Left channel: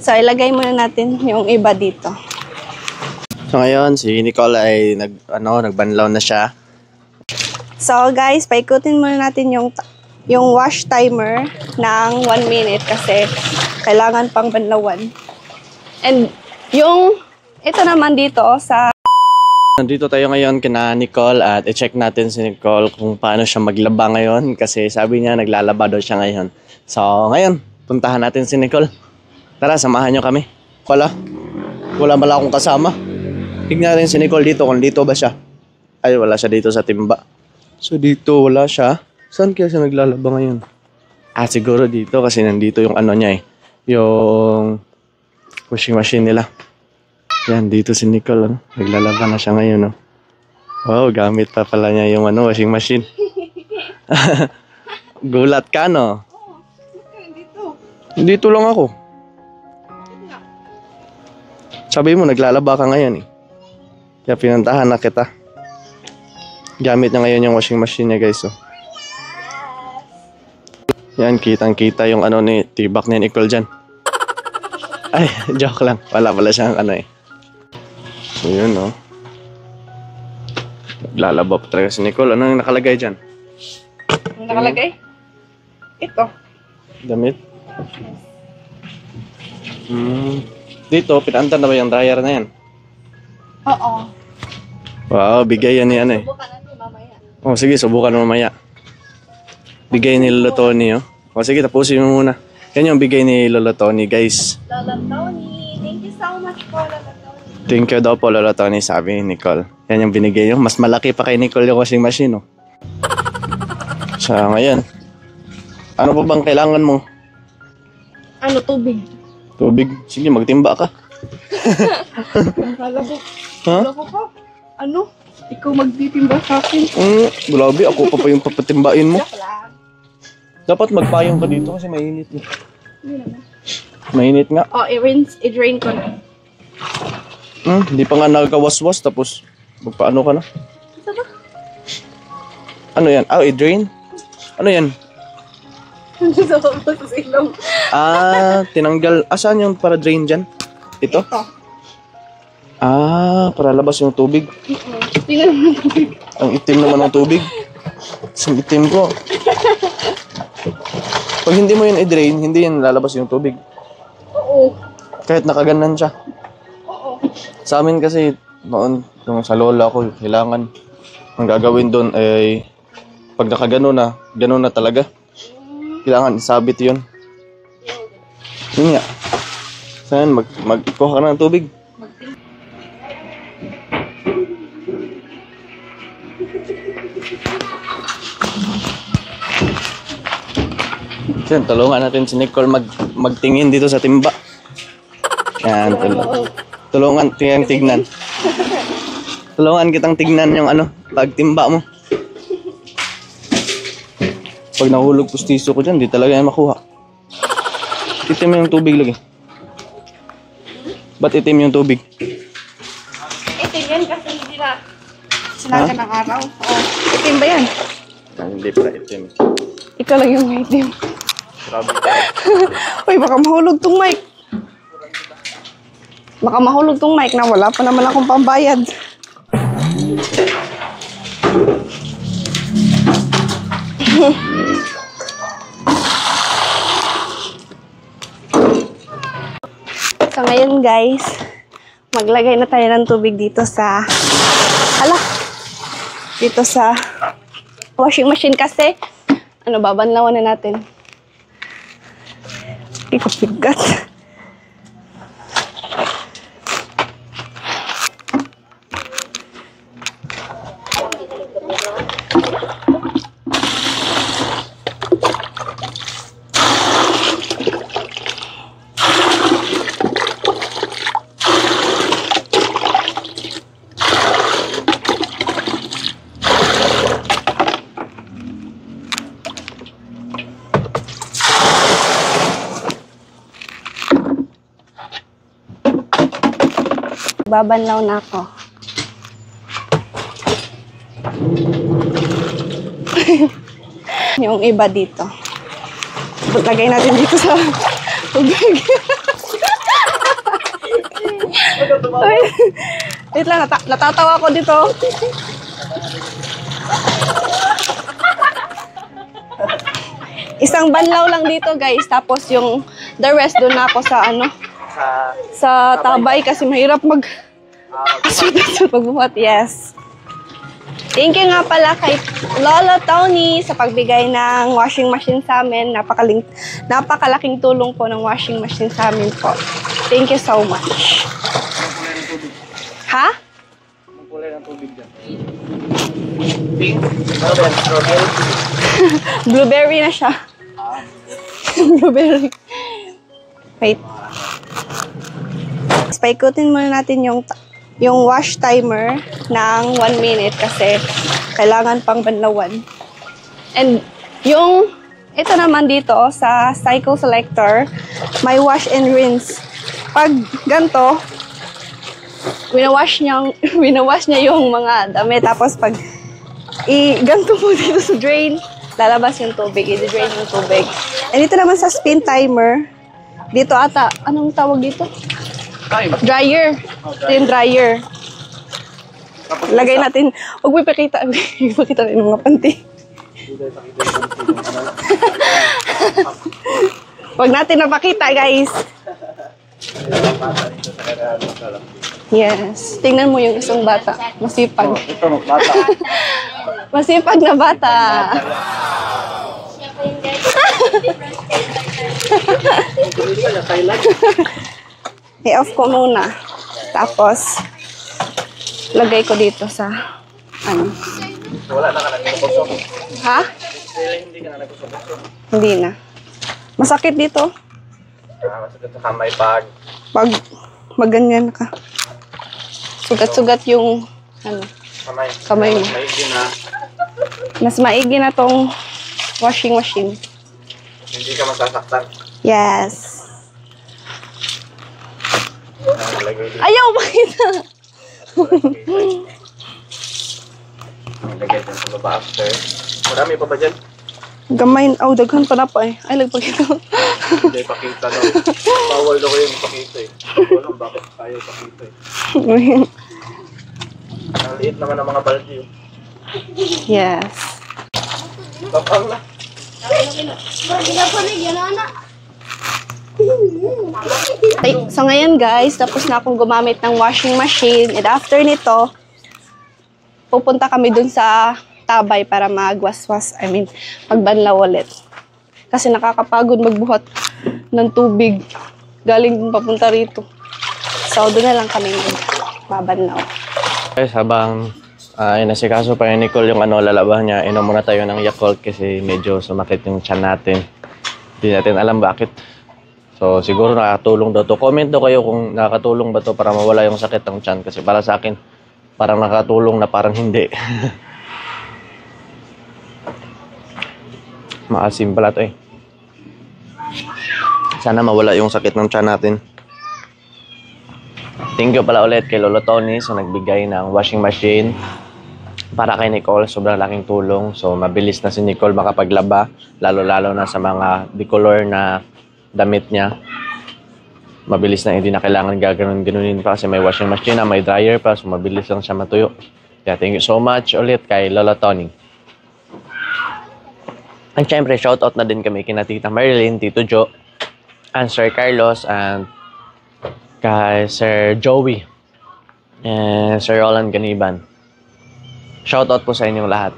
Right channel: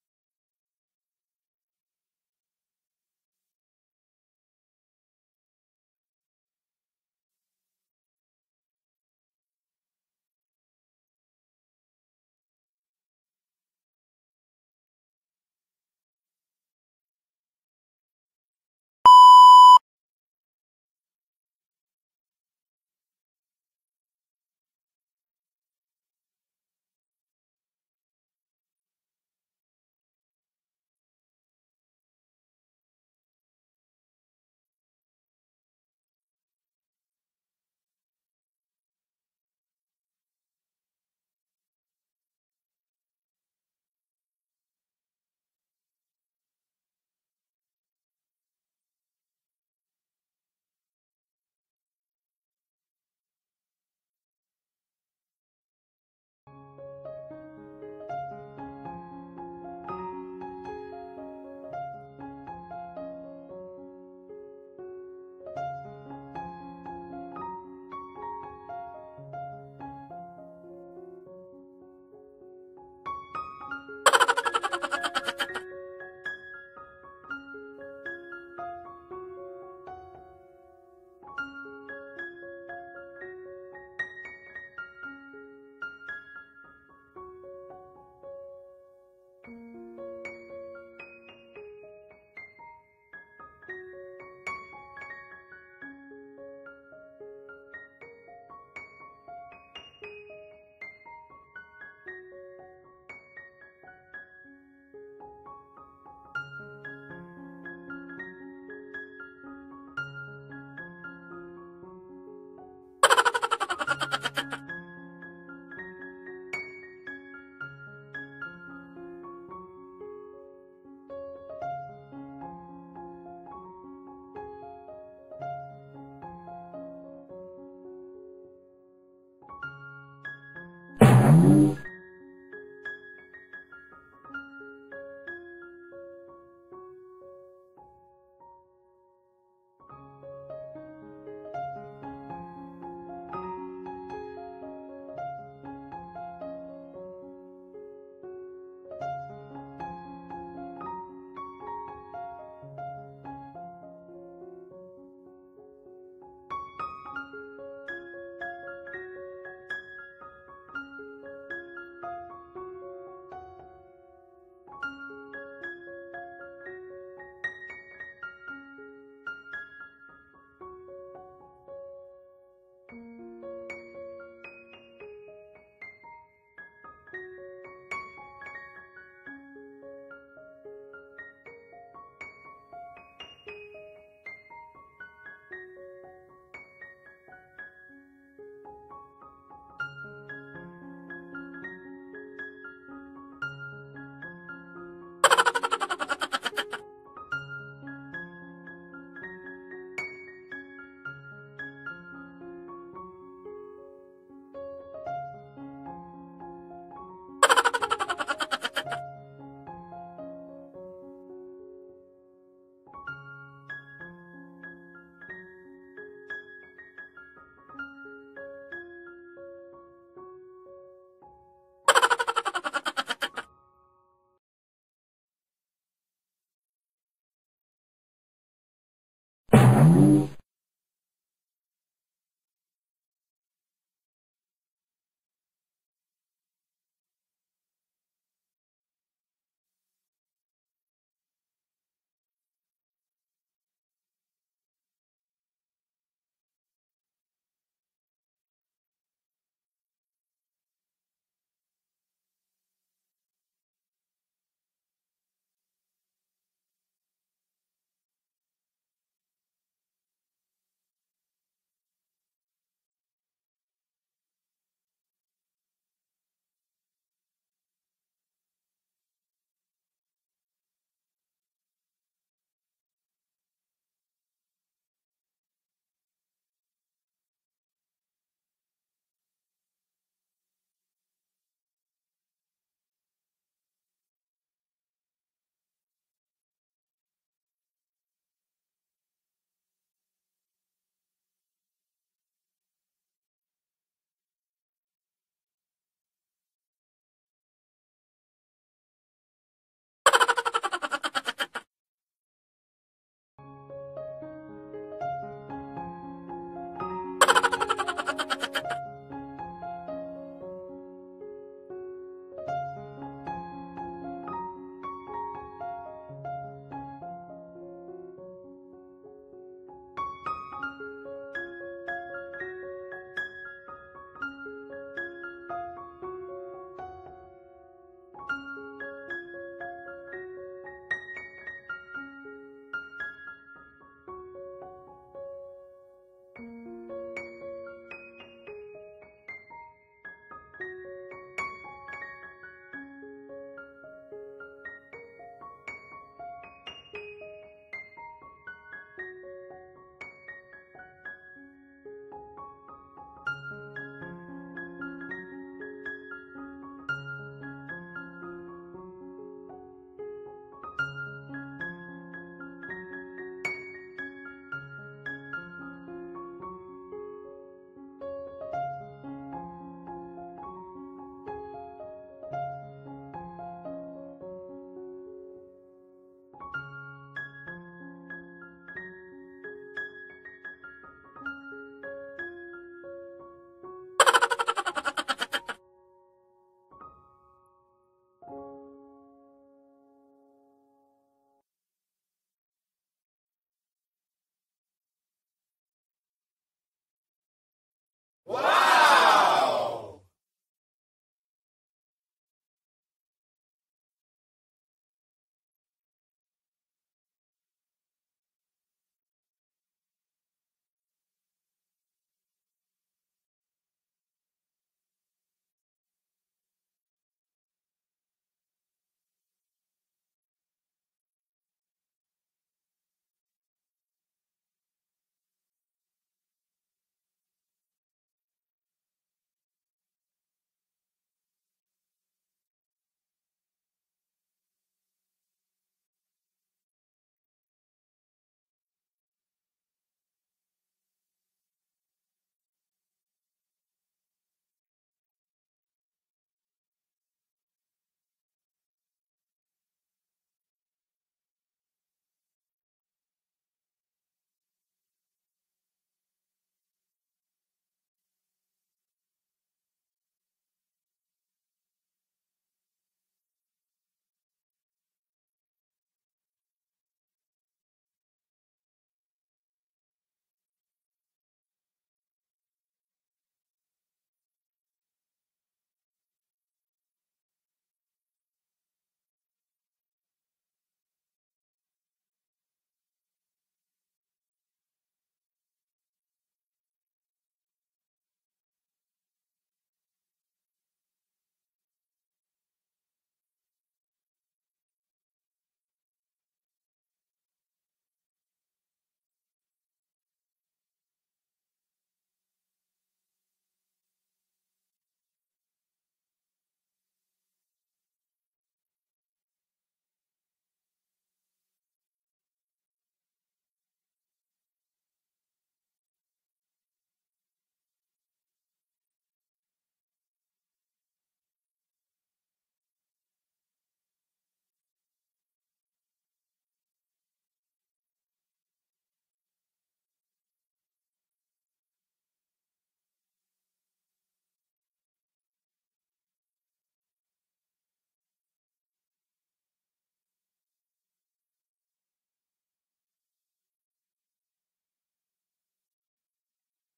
So, ilagay muna natin yung iba dito. So, ngayon, si Nicole ay nagbanlaw na siya. So, guys, paikutin muna natin yung wash timer ng 1 minute kasi kailangan pang banlawan. And ito naman dito sa... Nandito tayo ngayon kina Nicole at i-check natin si Nicole kung paano siya maglaba ngayon kasi sabi niya naglalaba daw siya ngayon. So ngayon, puntahan natin si Nicole. Tara, samahan niyo kami. Wala pala akong kasama. Tignan natin si Nicole dito kung dito ba siya. Ay, wala siya dito sa timba. So dito wala siya. Saan kaya siya naglalaba ngayon? Siguro dito kasi nandito yung niya yung washing machine nila. Yan, dito si Nicole, naglalaba na siya ngayon, no? Wow, gamit pa pala niya yung washing machine. Gulat ka, no? Dito lang ako. Sabi mo, naglalaba ka ngayon, eh. Kaya pinuntahan na kita. Gamit niya ngayon yung washing machine niya, guys, oh. Yan, kitang-kita yung ni tibak ni Nicole dyan. Ay, joke lang. Wala pala siyang So yun, no? Lalaba pa talaga si Nicole. Ano yung nakalagay dyan? Ano nakalagay? Ito. Damit? Dito, pinaandar na ba yung dryer na yan? Oo. Wow, bigay yan ni Subukan natin mamaya. Oh, sige, subukan mamaya. Bigay ni Lolo Tony, oh. Oh, sige, tapusin mo muna. Yan yung bigay ni Lolo Tony, guys. Lolo Tony, thank you so much po, Lolo Tony. Thank you daw po, Lolo Tony, sabi ni Nicole. Yan yung binigay nyo. Mas malaki pa kay Nicole yung washing machine, oh. So, ngayon. Ano pa bang kailangan mo? Tubig. Tubig? Sige, magtimba ka. Kala ko. Ha? Kala ko pa. Ikaw magtitimba sa akin. Grabe, ako pa yung papatimbain mo. Dapat magpayong ka dito kasi mainit, eh. Mainit nga. Oh, i-drain ko na. Hindi pa nga nagkawaswas tapos magpaano ka na? Ano yan? I-drain? Ano yan? Tinanggal. Saan yung para drain dyan? Ito? Para labas yung tubig. Tingnan mo yung tubig. Ang itim naman ng tubig. Ang itim ko. Pag hindi mo yun i-drain, hindi yan lalabas yung tubig. Oo. Kahit nakaganan siya. Oo. Sa amin kasi, noon, yung sa lola ko, kailangan, ang gagawin doon ay, pag nakagano na, gano'n na talaga. Kailangan isabit yun. Yun nga. Saan, magkuha ka na ng tubig. Yan, tulungan natin si Nicole magtingin dito sa timba. Yan, tulungan kitang tignan. Tulungan kitang tignan yung pagtimba mo. Pag nahulog pustiso ko dyan, di talaga yan makuha. Itim yung tubig lagi. Ba't itim yung tubig? Itim yan kasi hindi na sinaga ng araw. Itim ba yan? Hindi pa itim. Ikaw lang yung may itim. Grabe. Uy, baka mahulog tong mic. Baka mahulog tong mic na wala pa naman akong pambayad. So ngayon guys, maglagay na tayo ng tubig dito sa dito sa washing machine kasi babanlawan na natin. Ikapigat. Babanlaw na ako. Yung iba dito. Lagay natin dito sa Tubig. Wait lang, natatawa ko dito. Isang banlaw lang dito, guys. Tapos yung the rest doon na ako sa ano, sa tabay kasi mahirap magbuhat. Yes. Thank you nga pala kay Lolo Tony sa pagbigay ng washing machine sa amin. Napakalaking tulong po ng washing machine sa amin po. Thank you so much. Ha? Ang kulay ng tubig dyan. Blueberry na siya. Blueberry. Wait. Paikutin muna natin yung wash timer ng 1 minute kasi kailangan pang banlawan. And ito naman dito sa cycle selector, may wash and rinse. Pag ganito, winawash niya yung mga damit. Tapos pag ganito mo dito sa drain, lalabas yung tubig, i-drain yung tubig. And dito naman sa spin timer, dito ata, anong tawag dito? Dryer. Ito yung dryer. Lagay natin, huwag mo ipakita rin yung mga panty. Huwag natin napakita, guys. Yes. Tingnan mo yung isang bata. Masipag. Masipag na bata. I-off ko muna. Tapos, lagay ko dito sa, ano. Wala na ka nagkusok. Ha? Hindi ka na nagkusok. Hindi na. Masakit dito. Masakit sa kamay pag maganyan ka. Sugat-sugat yung, ano, kamay mo. Maigi na. Mas maigi na tong washing machine. Hindi ka masasaktan. Yes. Ayaw makita. Lagay dyan sa baba after. Marami pa ba dyan? Gamay. Oh, daghan pa na pa eh. Ay, lagpakita. Hindi pakita daw. Bawal daw yung pakita eh. Walang bakit tayo pakita eh. Ang liit naman ng mga baldi oh. Yes. Tapang na. Ay, so ngayon guys, tapos na akong gumamit ng washing machine. And after nito, pupunta kami dun sa tabay para magbanlaw ulit. Kasi nakakapagod magbuhat ng tubig galing papunta rito. So doon na lang kami magbabanlaw. Guys, habang inasikaso pa yung Nicole yung lalabahan niya, inom muna tayo ng Yakult kasi medyo sumakit yung tiyan natin. Hindi natin alam bakit. So, siguro nakatulong daw to. Comment daw kayo kung nakatulong ba to para mawala yung sakit ng tiyan. Kasi para sa akin, parang nakatulong na parang hindi. Maasim pala to eh. Sana mawala yung sakit ng tiyan natin. Thank you pala ulit kay Lolo Tony sa nagbigay ng washing machine para kay Nicole. Sobrang laking tulong. So, mabilis na si Nicole makapaglaba. Lalo-lalo na sa mga decolor na damit niya. Mabilis na, hindi na kailangan gaganon-ganunin pa kasi may washing machine na, may dryer pa, so mabilis lang siya matuyo. Kaya thank you so much ulit kay Lola Tony. And syempre, shoutout na din kami kina Tita Marilyn, Tito Jo, and Sir Carlos, and kay Sir Joey, and Sir Roland Ganiban. Shoutout po sa inyong lahat.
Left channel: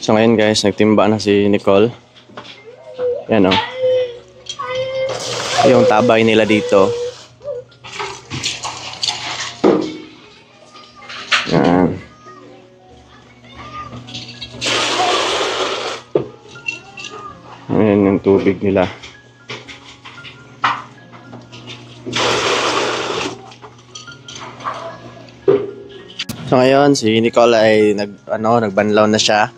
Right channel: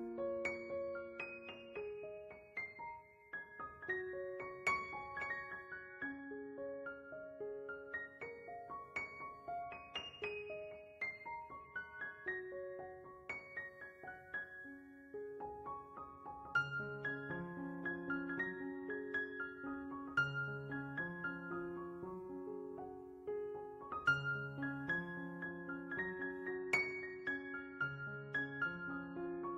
So ngayon guys, nagtimba na si Nicole. Yan o. Yung tabay nila dito. Yan. Ayan yung tubig nila. So ngayon, si Nicole ay nagbanlaw na siya.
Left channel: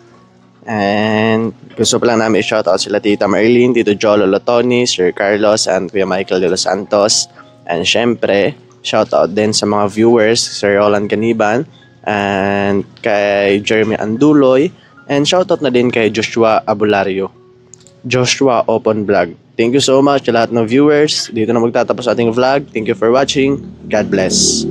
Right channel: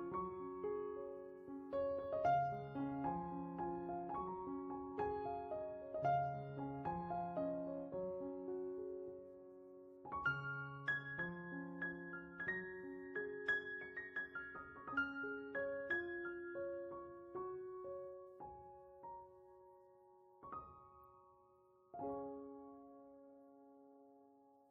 And gusto pa lang namin i-shoutout sila Tita Marilyn, Tito Jolo Lotoni, Sir Carlos, and Kuya Michael de los Santos. And syempre, shoutout din sa mga viewers, Sir Roland Caniban, and kay Jeremy Anduloy, and shoutout na din kay Joshua Abulario, Joshua Open Vlog. Thank you so much sa lahat ng viewers. Dito na magtatapos ating vlog. Thank you for watching. God bless.